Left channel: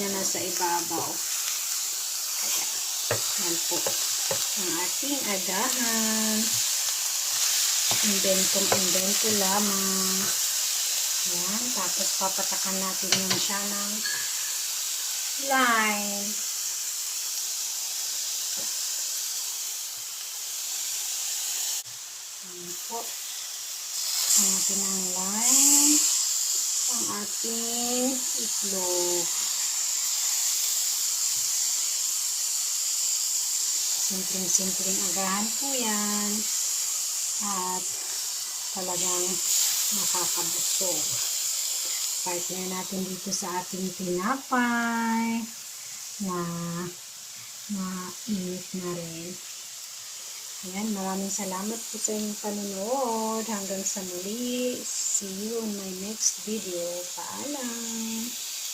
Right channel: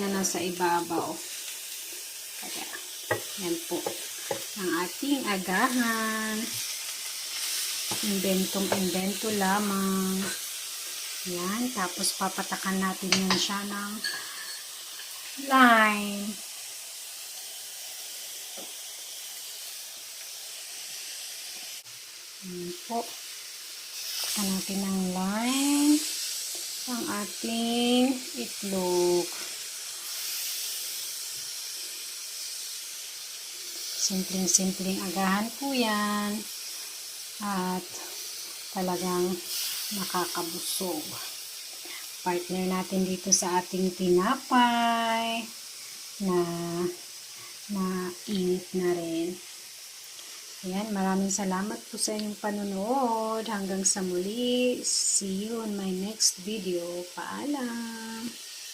na nasa ibabaw. Kaya, yan po ang ating agahan. Inventong-invento lamang. Yan, tapos papatakan natin yan siya ng line. Yan po. Takan natin ng line ang ating itlog. Simpleng-simpleng agahan po yan. At talagang makakabusog. Partner natin dito sa ating tinapay na init na rin. Ayan, maraming salamat po sa inyong panonood. Hanggang sa muli. See you on my next video. Paalam!